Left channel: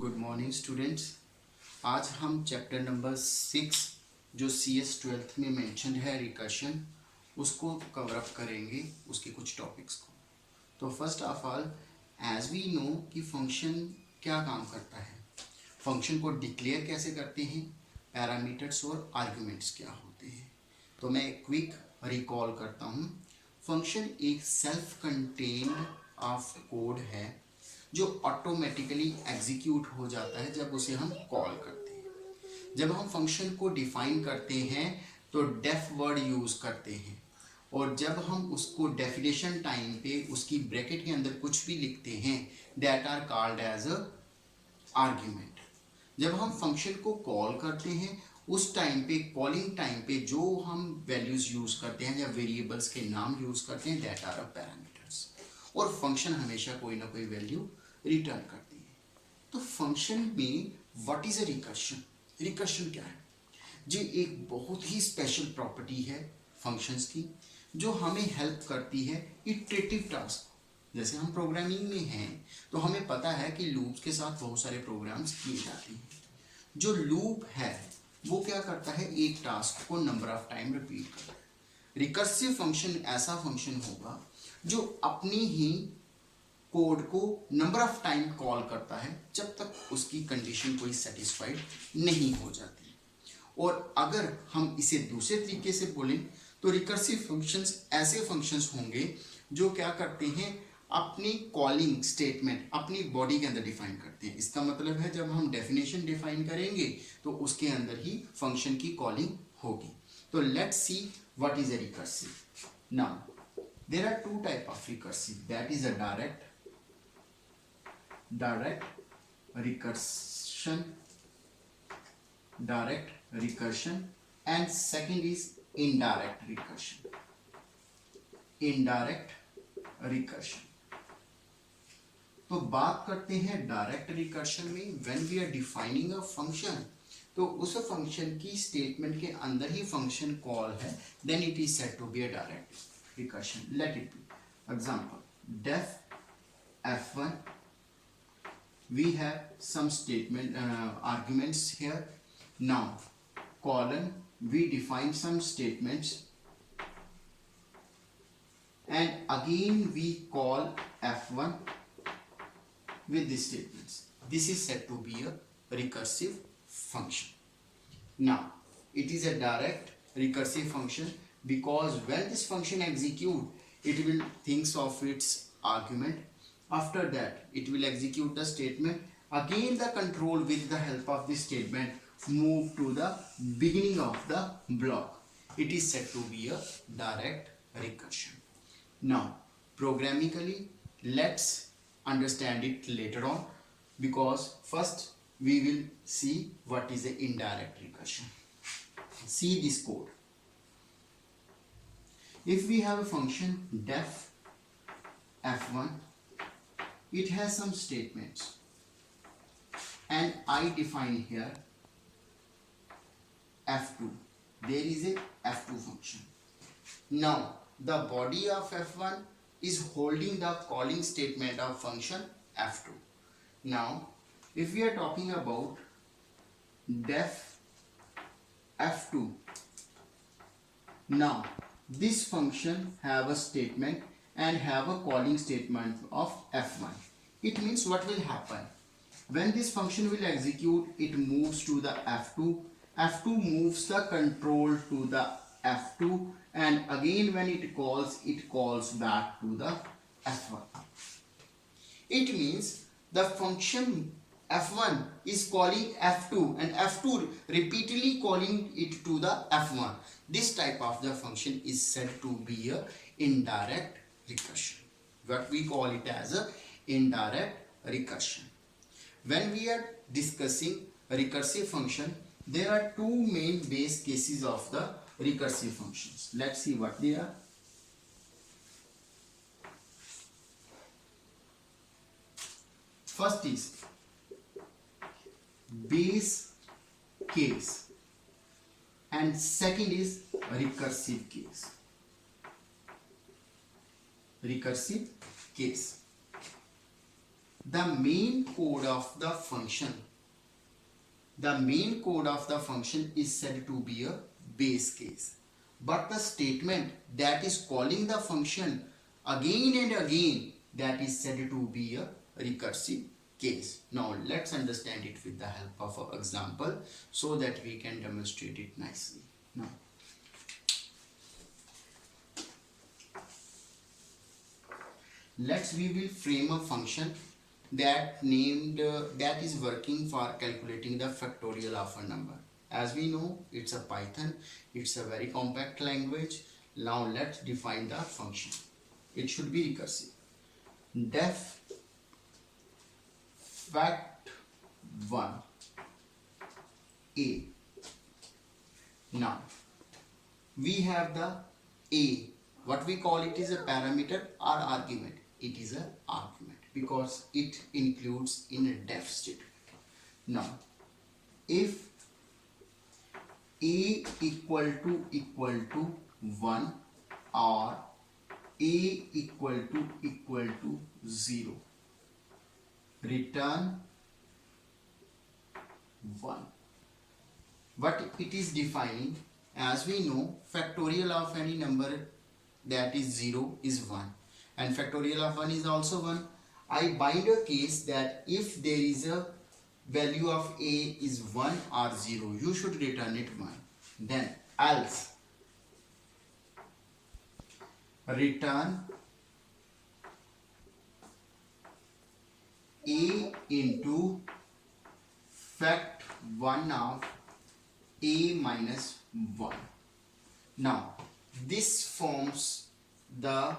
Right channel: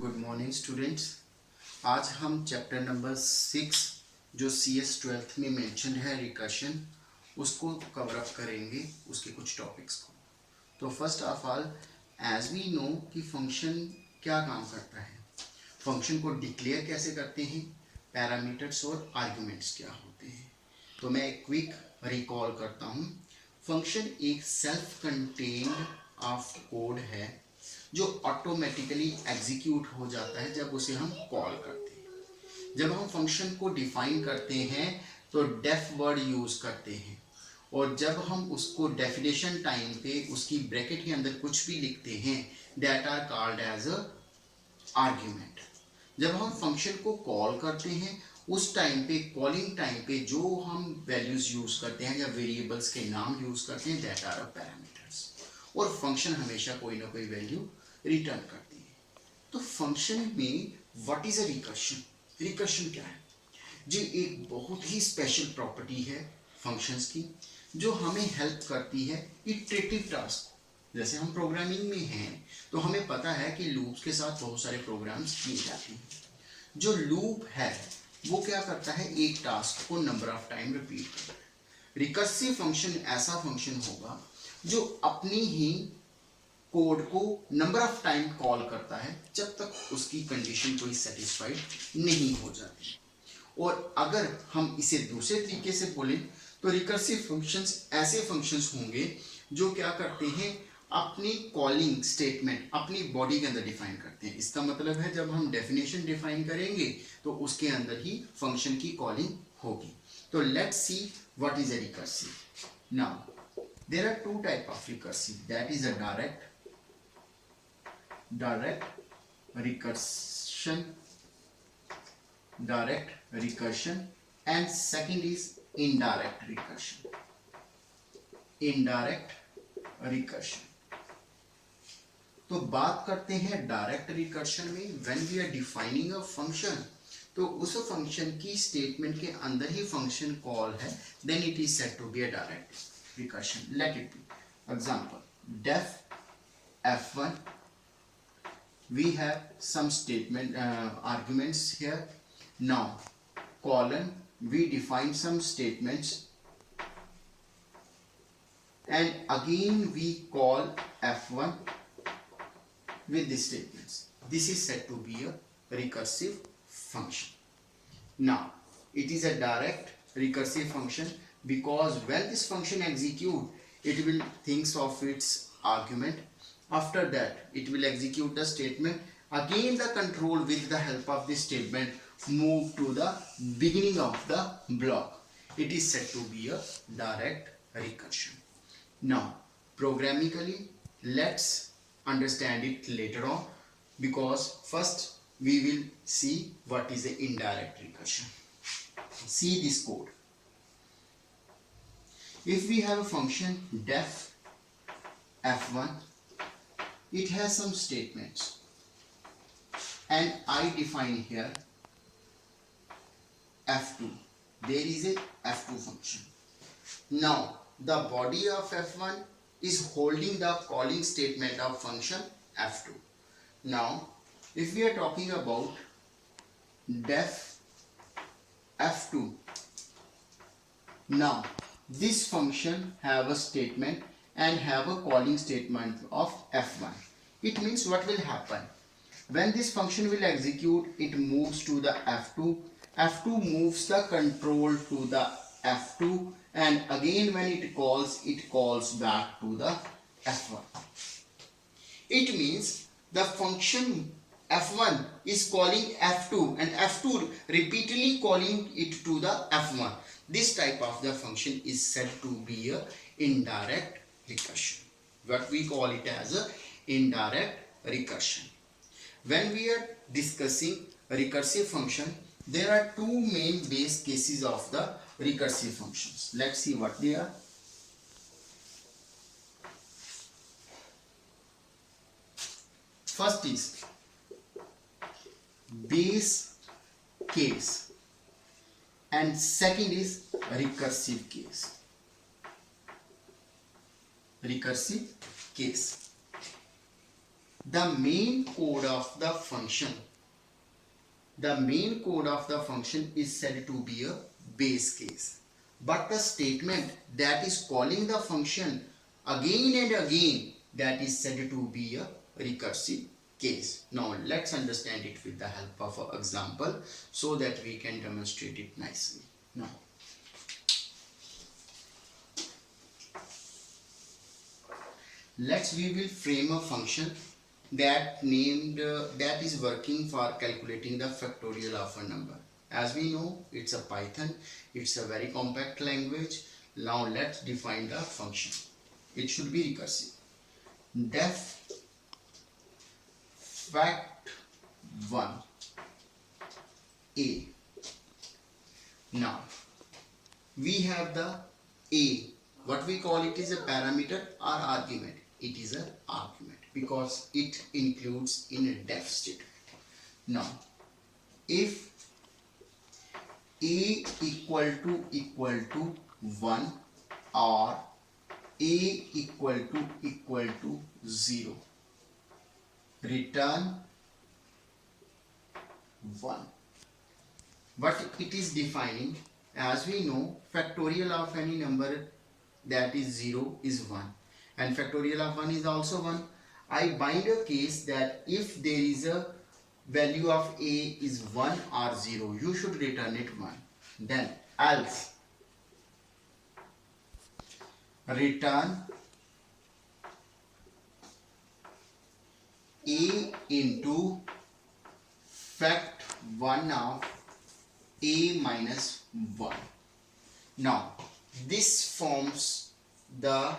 Good morning students. आज हम chapter number 6 जो CS 12th में मेंशन है रिकर्शन, उसको कवर अप करेंगे, उसके कुछ टॉपिक्स को। तो first of all, as we know कि फंक्शन क्या काम करता है, फंक्शन को डिक्लेयर कैसे करते हैं, पैरामीटर्स और आर्ग्यूमेंट्स क्या होते हैं। तो मैं क्विक रिकॉल करता हूँ। फंक्शन एक सेल्फ कंटेन्ड ऑफ कोड है जो ऑटोमेटिकली एग्जीक्यूट हो जाता है जब उसे हम कॉल करते हैं। जब हम फंक्शन को डिफाइन करते हैं तो डेफ वर्ड यूज करते हैं, और जब हम उसको डेफिनेशन टाइम पे उसकी ब्रैकेट के अंदर कुछ भी लिखते हैं, that are called as a argument. जब हम फंक्शन को कॉल करते हैं उस टाइम पे, कॉलिंग टाइम पे जो हम वैल्यूज यूज करते हैं या वेरिएबल्स के नाम यूज करते हैं, दैट आर पैरामीटर्स। और फंक्शन हमेशा कोई ना कोई वैल्यू रिटर्न करती है। तो फंक्शन में what is a recursion? Recursion क्या है जी? एक बहुत ही स्पेशल प्रॉपर्टी है फंक्शंस की जो हमें हेल्प करती है इटरेटिव टास्क। जैसे हम प्रोग्रामिंग में हैं तो हमें पता है कि लूप्स के साथ बहुत सारे प्रोग्राम्स किए जाते हैं। जो लूप है वो क्या करता है, एक टास्क को नंबर ऑफ टाइम रिपीट करता है। रिकर्सिव फंक्शन ऐसा फंक्शन होगा जो अपनी ही कोड को नंबर ऑफ टाइम कॉल करता है जब तक उसकी कंडीशन कोई सेटिस्फाइड नहीं हो जाती। और अगर हम इसे दूसरे तरीके से बोलें तो रिकर्सिव फंक्शंस ऐसे फंक्शंस होंगे जो क्या करते हैं, अपनी कॉलिंग स्टेटमेंट अपनी बॉडी के अंदर डिफाइन करते हैं। इसका मतलब है जब हम डेफिनेशन डिफाइन करेंगे तो उसके अंदर ही फंक्शन की कॉलिंग होगी। तो let's see what is a recursive. Now there are two type of recursive, that is a direct recursion, and second is indirect recursion. तो बात करते हैं डायरेक्ट रिकर्शन में। When we are defining a function, तो उस function की statement के अंदर ही फंक्शन कॉल है, then it is said to be a direct recursion. Let it be example def f1, we have some statement arguments here. Now colon, we define some statements and again we call f1 with these statements. This is said to be a recursive function. Now it is a direct recursive function because when this function execute, it will thinks of its argument. After that it will execute the statement. Again the control with the help of this statement move to the beginning of the block. It is said to be a direct recursion. Now programmatically let's understand it later on, because first we will see what is the indirect recursion. See this code. If we have a function def f1, it has some statements and I define here f2. There is a f2 function. Now the body of f1 is holding the calling statement of function f2. Now if we are talking about def f2, now this function have a statement and have a calling statement of f1. It means what will happen when this function will execute, it moves to the f2. f2 moves the control to the f2, and again when it calls back to the f1. It means the function f1 is calling f2 and f2 repeatedly calling it to the f1. This type of the function is said to be a indirect recursion. What we call it as a indirect recursion. When we are discussing a recursive function, there are two main base cases of the recursive functions. Let's see what they are. First is base case and second is recursive case. Recursive case. the main code of the function is said to be a base case, but the statement that is calling the function again and again, that is said to be a recursive case. Now let's understand it with the help of an example so that we can demonstrate it nicely. Now we will frame a function that is working for calculating the factorial of a number. As we know, it's a Python, it's a very compact language. Now let's define the function. It should be recursive. Def fact1 a. Now we have the a, what we call it is a parameter or argument. It is an argument because it includes in a def statement. Now if a equal to 1 or a equal to 0, return 1. What it is defining, as we know, factorial of any number that is 0 is 1 and factorial of 1 is also 1. I bind a case that if there is a value of a is 1 or 0, you should return it 1. Then else return a into fact1 of a minus 1. Now this forms the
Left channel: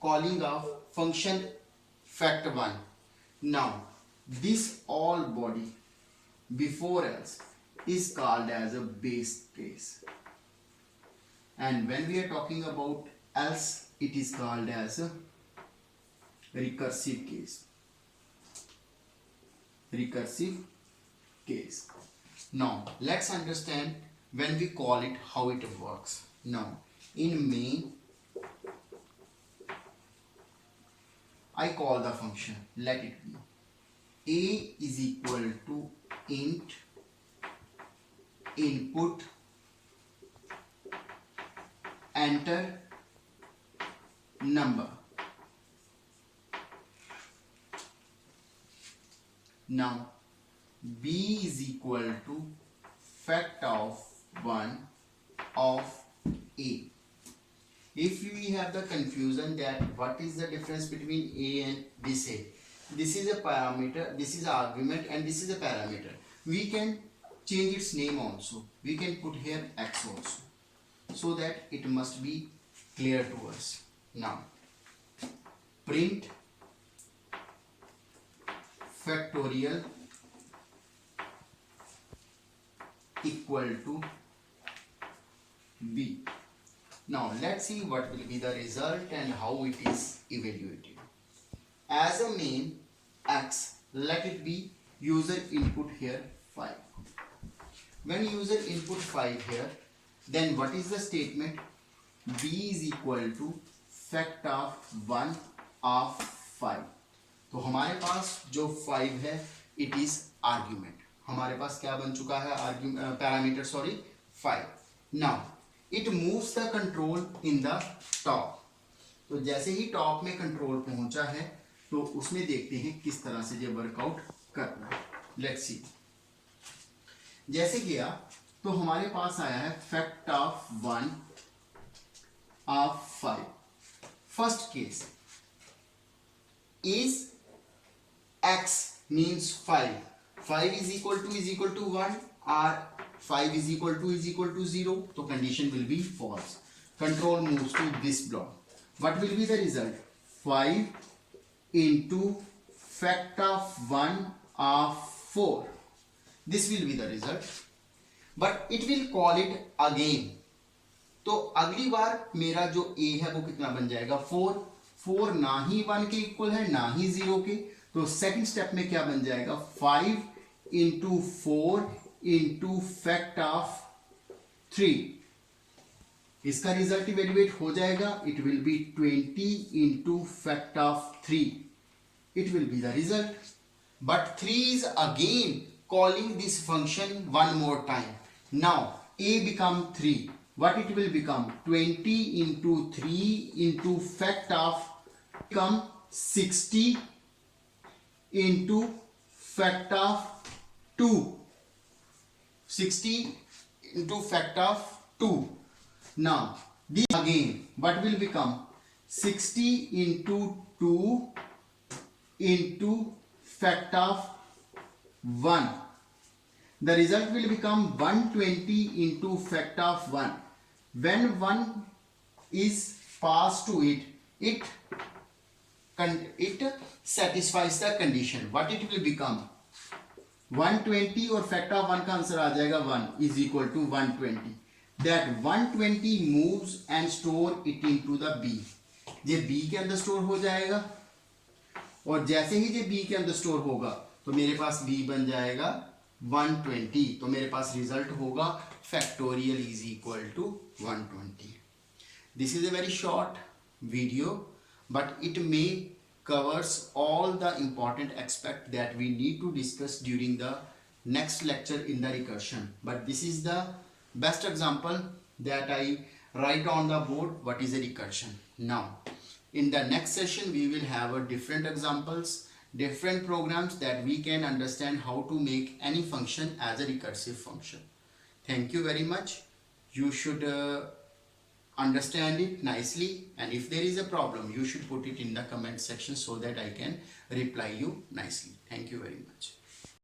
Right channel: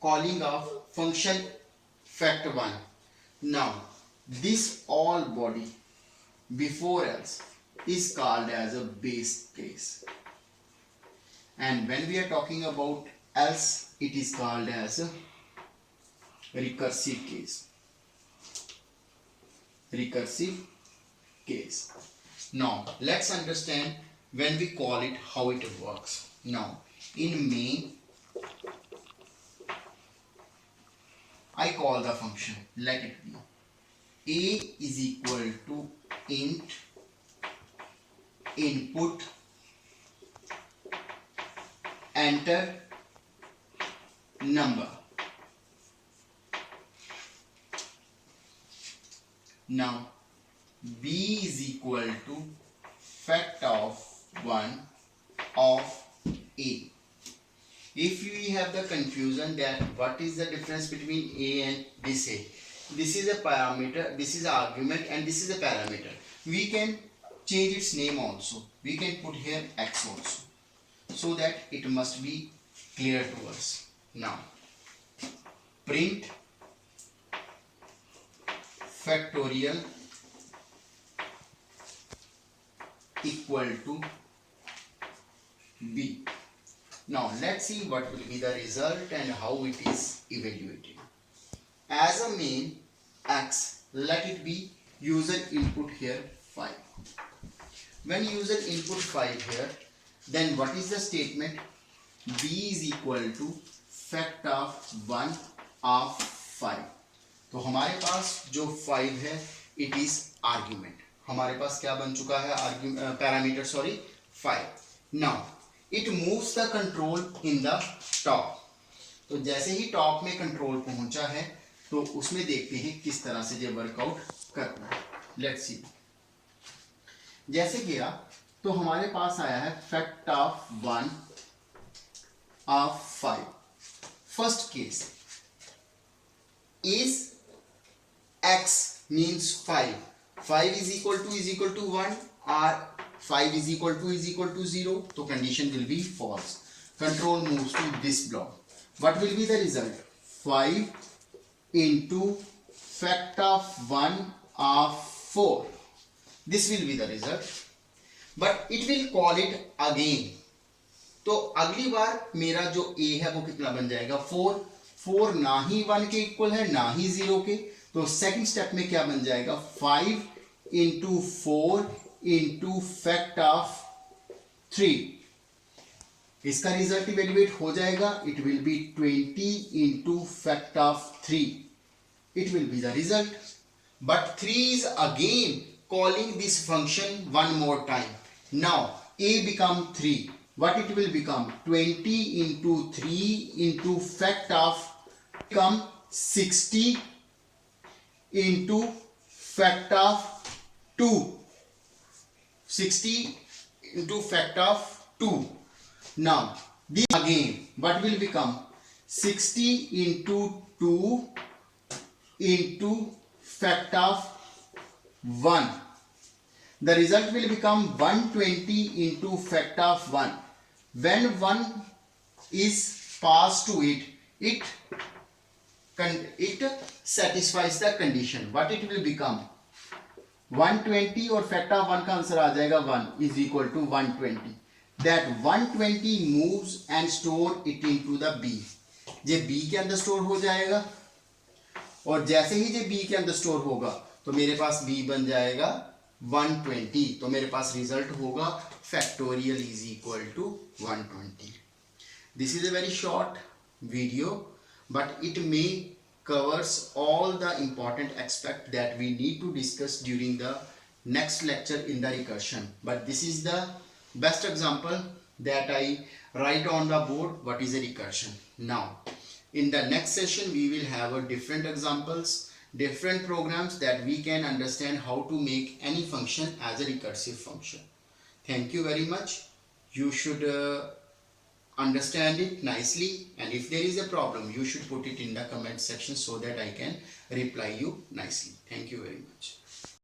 calling of function fact1. Now this all body before else is called as a base case, and when we are talking about else, it is called as a recursive case. Now let's understand when we call it how it works. Now in main, I call the function, let it be a is equal to int input enter number. Now b is equal to fact of 1 of a. If we have the confusion that what is the difference between a and this a, this is a parameter, this is an argument, and this is a parameter, we can change its name also. We can put here x also, so that it must be clear to us. Now print factorial equal to b. Now let's see what will be the result and how it is evaluated. As a main x, let it be user input here 5. When user input 5 here, then what is the statement? b is equal to fact of 1 of 5. तो हमारे पास जो 5 है, it is argument. हमारे पास क्या बन चुका है? Parameter 5. Now it moves the control in the top. तो जैसे ही टॉप में कंट्रोल पहुंचा है, तो उसमें देखते हैं किस तरह से ये वर्कआउट करना है. Let's see. जैसे किया तो हमारे पास आया है fact of 1 of 5. First case is x means 5. 5 is equal to 1 or 5 is equal to 0. So condition will be false. Control moves to this block. What will be the result? 5 into fact of 1 of 4. This will be the result. But it will call it again. तो अगली बार मेरा जो a है वो कितना बन जाएगा? 4. 4 ना ही 1 के इक्वल है ना ही 0 के. तो सेकंड स्टेप में क्या बन जाएगा? 5 into 4 into fact of 3. इसका रिजल्ट इवेल्युएट हो जाएगा. It will be 20 into fact of 3. it will be the result. But 3 is again calling this function one more time. Now a become 3. What it will become? 20 into 3 into fact of become 60 into fact of 2. 60 into fact of 2. Now this again what will become? 60 into 2 into fact of 1. The result will become 120 into fact of 1. When 1 is passed to it satisfies the condition. What it will become? 120 और factor of 1 का answer आ जाएगा 1 is equal to 120. That 120 moves and store it into the B. ये B के अंदर store हो जाएगा और जैसे ही ये बी के अंदर स्टोर होगा तो मेरे पास बी बन जाएगा 120. तो मेरे पास रिजल्ट होगा factorial is equal to 120. This is a very short video but it may covers all the important aspect that we need to discuss during the next lecture in the recursion. But this is the best example that I write on the board what is a recursion. Now in the next session we will have a different examples, different programs that we can understand how to make any function as a recursive function. Thank you very much. You should understand it nicely, and if there is a problem you should put it in the comment section so that I can reply you nicely. Thank you very much.